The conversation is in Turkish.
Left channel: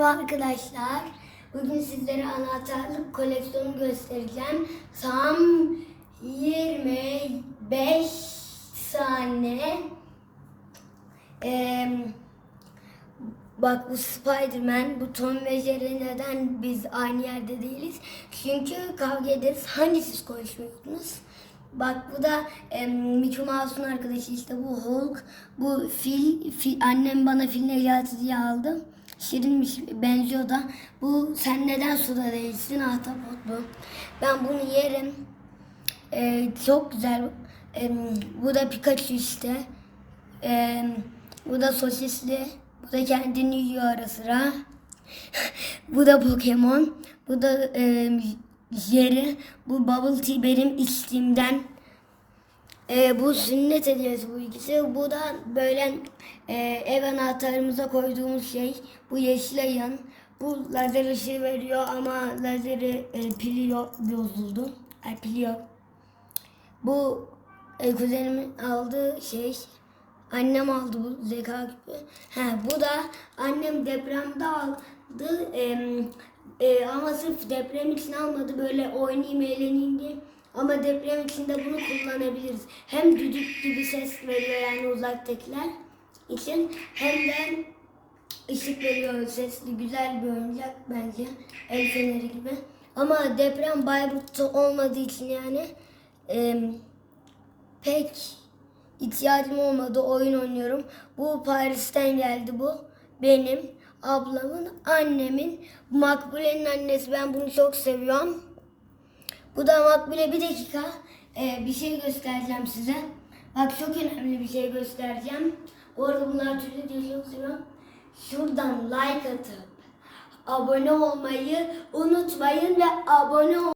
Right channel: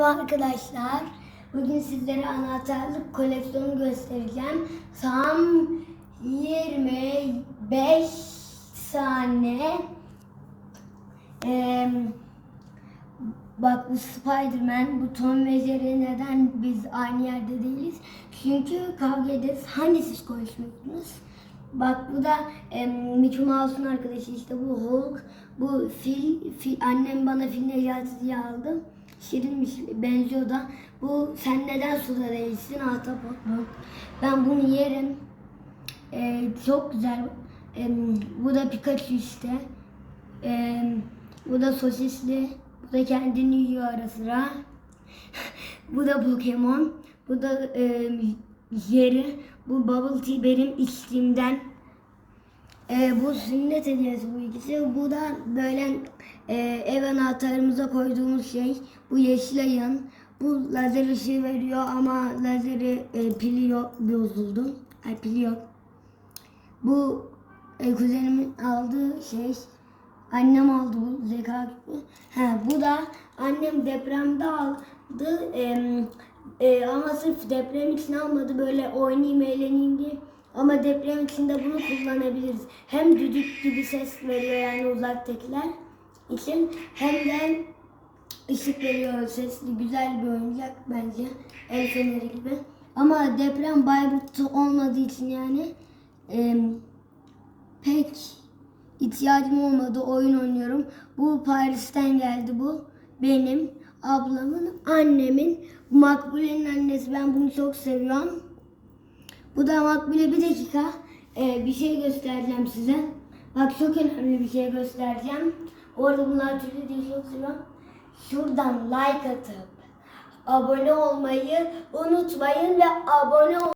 Merhaba arkadaşlar. Bugün sizlere anahtarlık koleksiyonu göstereceğim. Tam 25 tane. Ee, bak bu Spiderman, bu Tom ve Jerry neden biz aynı yerde değiliz? Çünkü kavga ederiz. Hani siz konuşmuyorsunuz? Bak bu da e, Mickey Mouse'un arkadaşı işte bu Hulk, bu fil, fil annem bana fil Necati diye aldı. Şirinmiş benziyor da. Bu sen neden suda değilsin ahtapot bu. Ben bunu yerim. E, çok güzel. E, bu da Pikachu işte. E, bu da sosisli. Bu da kendini yiyor ara sıra. bu da Pokemon. Bu da e, Jerry. Bu Bubble Tea benim içtiğimden. E, bu sünnet hediyesi bu ikisi. Bu da böyle e, ev anahtarımıza koyduğumuz şey. Bu yeşil ayın. Bu lazer ışığı veriyor ama lazeri e, pili yok, bozuldu. Ay, pili yok. Bu e, kuzenimin aldığı şey. Annem aldı bu zeka küpü. Ha, bu da annem depremde aldı. E, e, ama sırf deprem için almadı. Böyle oynayayım eğleneyim diye. Ama deprem içinde bunu kullanabiliriz. Hem düdük gibi ses veriyor yani uzaktakiler için hem de ışık veriyor sesli güzel bir oyuncak bence. El feneri gibi. Ama deprem Bayburt'ta olmadığı için yani em, pek ihtiyacım olmadı. Oyun oynuyorum. Bu Paris'ten geldi bu. Benim, ablamın, annemin, Makbule'nin annesi. Ben bunu çok seviyorum. Bu da Makbule bir dakika. Ee, bir şey göstereceğim size. Bak çok önemli bir şey göstereceğim. Orada bunlar türlü seviyorum. Şuradan like atıp abone olmayı unutmayın ve abone ol